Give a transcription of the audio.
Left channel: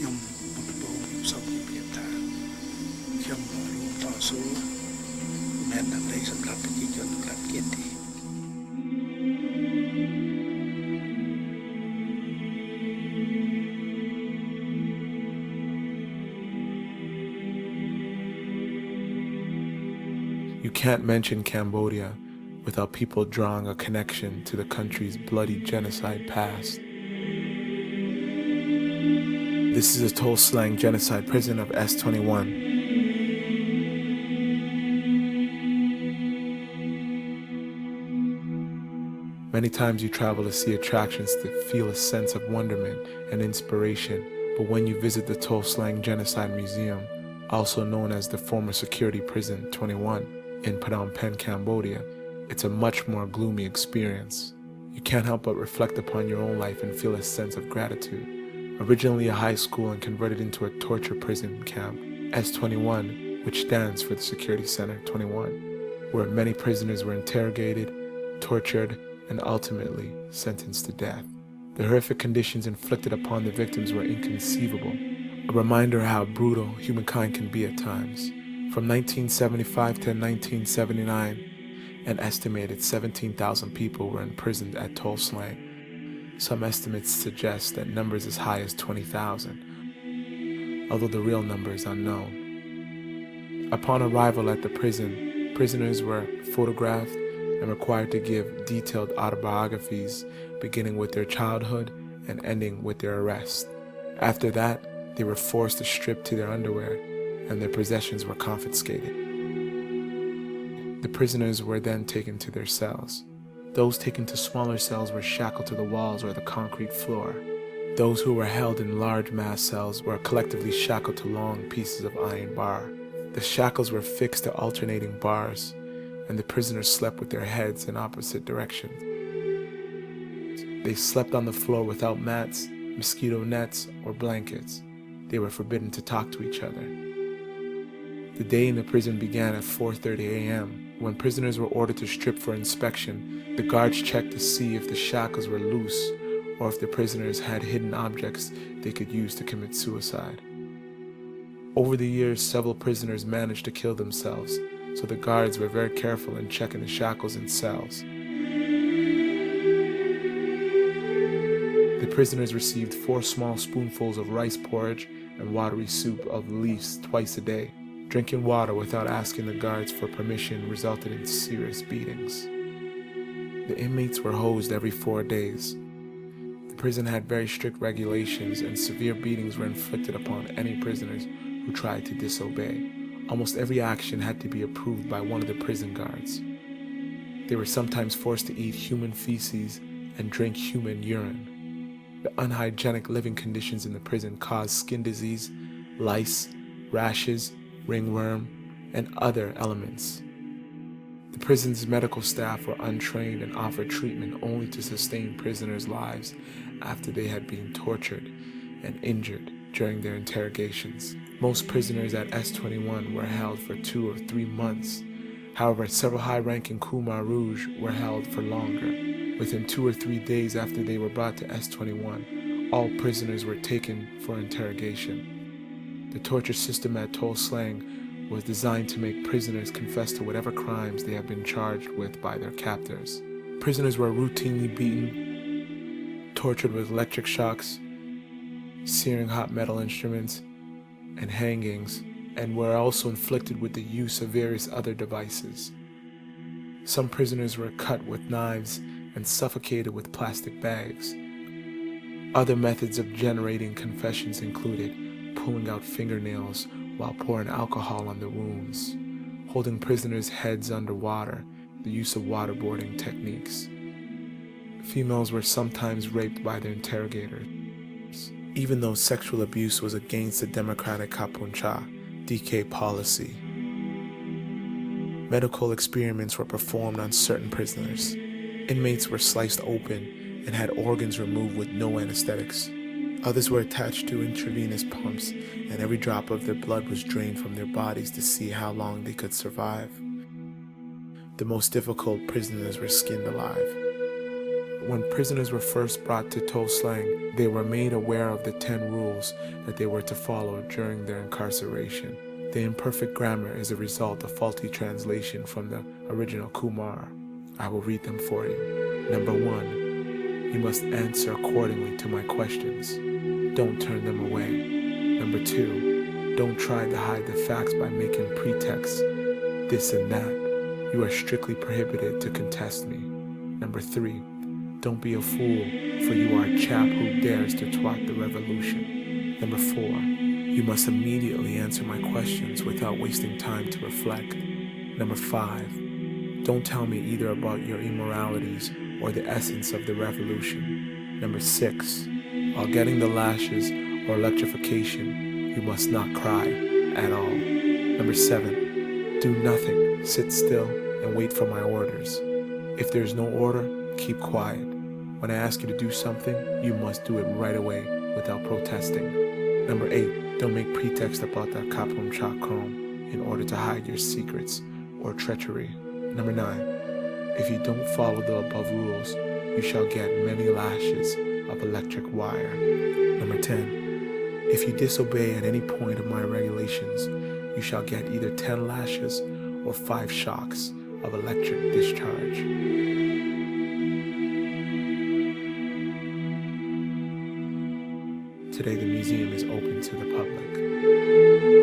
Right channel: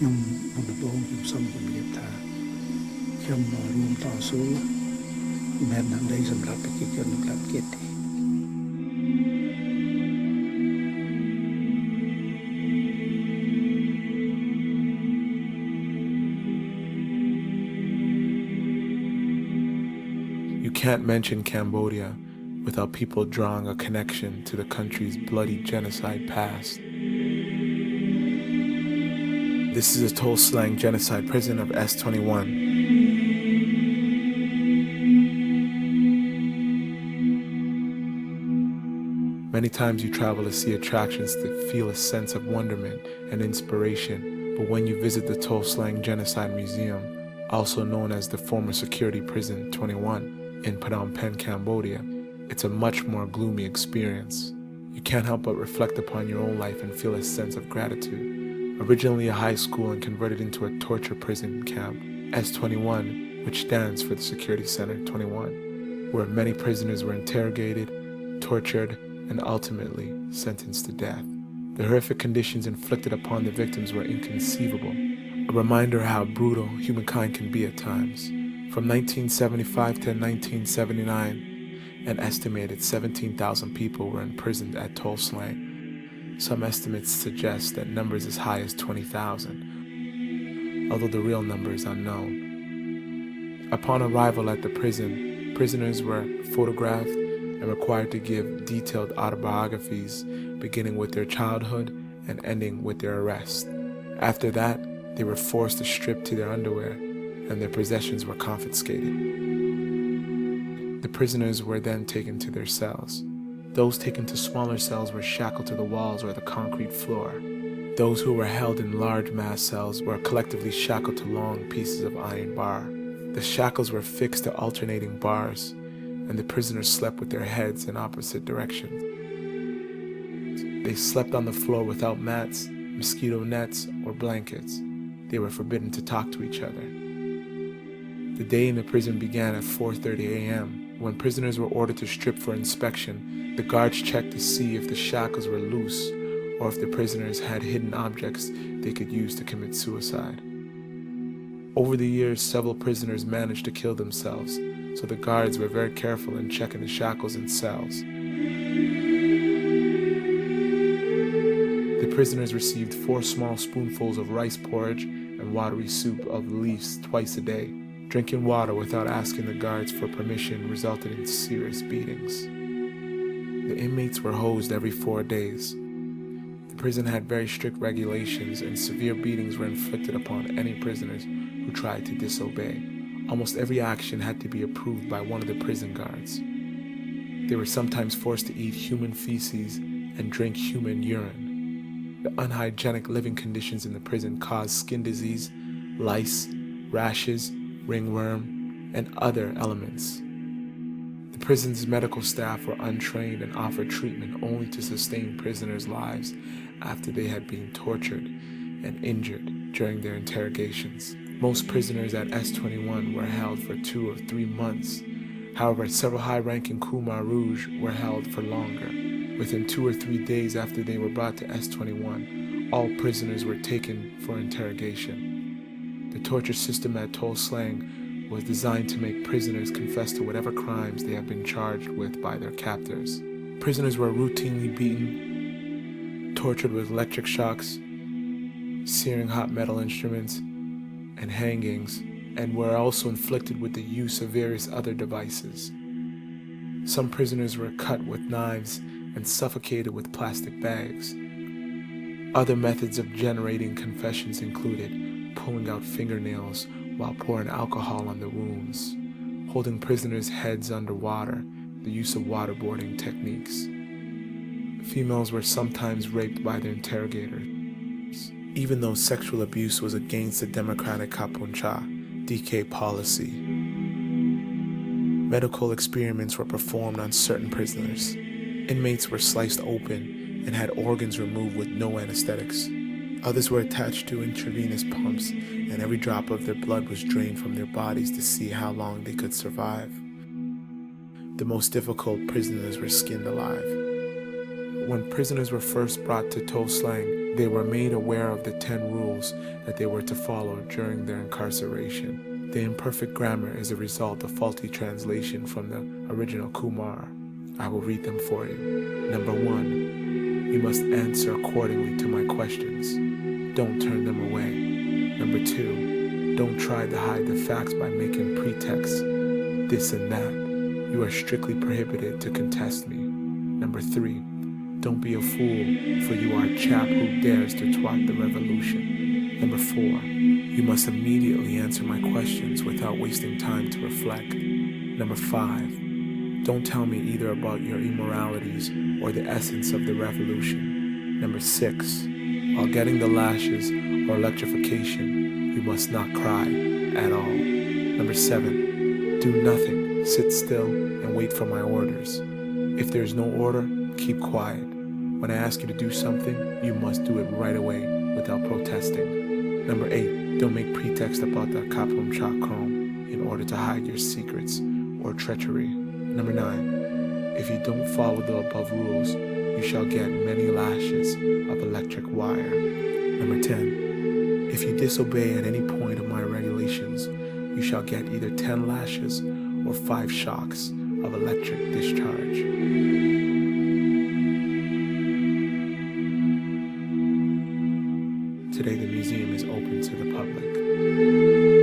ខ្ញុំមុនដំបូងខ្ញុំសូមជម្រាបថាខ្ញុំរួមតស៊ូមិនដើម្បីសម្រាប់ប្រជាជននៅកម្ពុជាទេ You can't mention Cambodia without people drawing a connection to the country's bloody genocide past. This is a Tuol Sleng genocide prison of S21. Many times you travel to see attractions to feel a sense of wonderment and inspiration, but when you visit the Tuol Sleng Genocide Museum, also known as the former security prison 21 in Phnom Penh, Cambodia, it's a much more gloomy experience. You can't help but reflect upon your own life and feel a sense of gratitude. Originally a high school and converted into a torture prison camp, S21, which stands for the Security Center 21, where many prisoners were interrogated, tortured, and ultimately sentenced to death. The horrific conditions inflicted upon the victims were inconceivable, a reminder how brutal humankind can be at times. From 1975 to 1979, an estimated 17,000 people were imprisoned at Tuol Sleng. Some estimates suggest that numbers as high as 20,000, although the real number is unknown. Upon arrival at the prison, prisoners were photographed and required to give detailed autobiographies, beginning with their childhood and ending with their arrest. After that, they were forced to strip to their underwear, and their possessions were confiscated. The prisoners were then taken to their cells. Those taken to smaller cells were shackled to the walls or the concrete floor. Those who were held in large mass cells were collectively shackled to long pieces of iron bar. The shackles were fixed to alternating bars, and the prisoners slept with their heads in opposite directions. They slept on the floor without mats, mosquito nets, or blankets. They were forbidden to talk to each other. The day in the prison began at 4:30 a.m. When prisoners were ordered to strip for inspection, the guards checked to see if the shackles were loose or if the prisoners had hidden objects they could use to commit suicide. Over the years, several prisoners managed to kill themselves, so the guards were very careful in checking the shackles and cells. The prisoners received 4 small spoonfuls of rice porridge and watery soup of leaves twice a day. Drinking water without asking the guards for permission resulted in serious beatings. The inmates were hosed every 4 days. The prison had very strict regulations, and severe beatings were inflicted upon any prisoners who tried to disobey. Almost every action had to be approved by one of the prison guards. They were sometimes forced to eat human feces and drink human urine. The unhygienic living conditions in the prison caused skin disease, lice, rashes, ringworm, and other elements. The prison's medical staff were untrained and offered treatment only to sustain prisoners' lives after they had been tortured and injured during their interrogations. Most prisoners at S21 were held for 2 or 3 months. However, several high-ranking Khmer Rouge were held for longer. Within 2 or 3 days after they were brought to S21, all prisoners were taken for interrogation. The torture system at Tuol Sleng was designed to make prisoners confess to whatever crimes they have been charged with by their captors. Prisoners were routinely beaten, tortured with electric shocks, searing hot metal instruments, and hangings, and were also inflicted with the use of various other devices. Some prisoners were cut with knives and suffocated with plastic bags. Other methods of generating confessions included pulling out fingernails while pouring alcohol on the wounds, holding prisoners' heads underwater, the use of waterboarding techniques. Females were sometimes raped by their interrogators, even though sexual abuse was against the democratic Kapuncha DK policy. Medical experiments were performed on certain prisoners. Inmates were sliced open and had organs removed with no anesthetics. Others were attached to intravenous pumps, and every drop of their blood was drained from their bodies to see how long they could survive. The most difficult prisoners were skinned alive. When prisoners were first brought to Tuol Sleng, They were made aware of the 10 rules that they were to follow during their incarceration. The imperfect grammar is a result of faulty translation from the original Khmer. I will read them for you. Number 1, you must answer accordingly to my questions. Don't turn them away. Number 2, don't try to hide the facts by making pretexts, this and that. You are strictly prohibited to contest me. Number 3, don't be a fool, for you are a chap who dares to twat the revolution. Number 4, you must immediately answer my questions without wasting time to reflect. Number 5, don't tell me either about your immoralities or the essence of the revolution. Number 6, while getting the lashes or electrification, you must not cry at all. Number 7, do nothing, sit still, and wait for my orders. If there is no order, keep quiet. When I ask you to do something, you must do it right away without protesting. Number 8, don't make pretext about the Kapum Chakrom in order to hide your secrets or treachery. Number 9, if you don't follow the above rules, you shall get many lashes of electric wire. Number 10, if you disobey at any point of my regulations, you shall get either 10 lashes or 5 shocks of electric discharge. Today the museum is open to the public.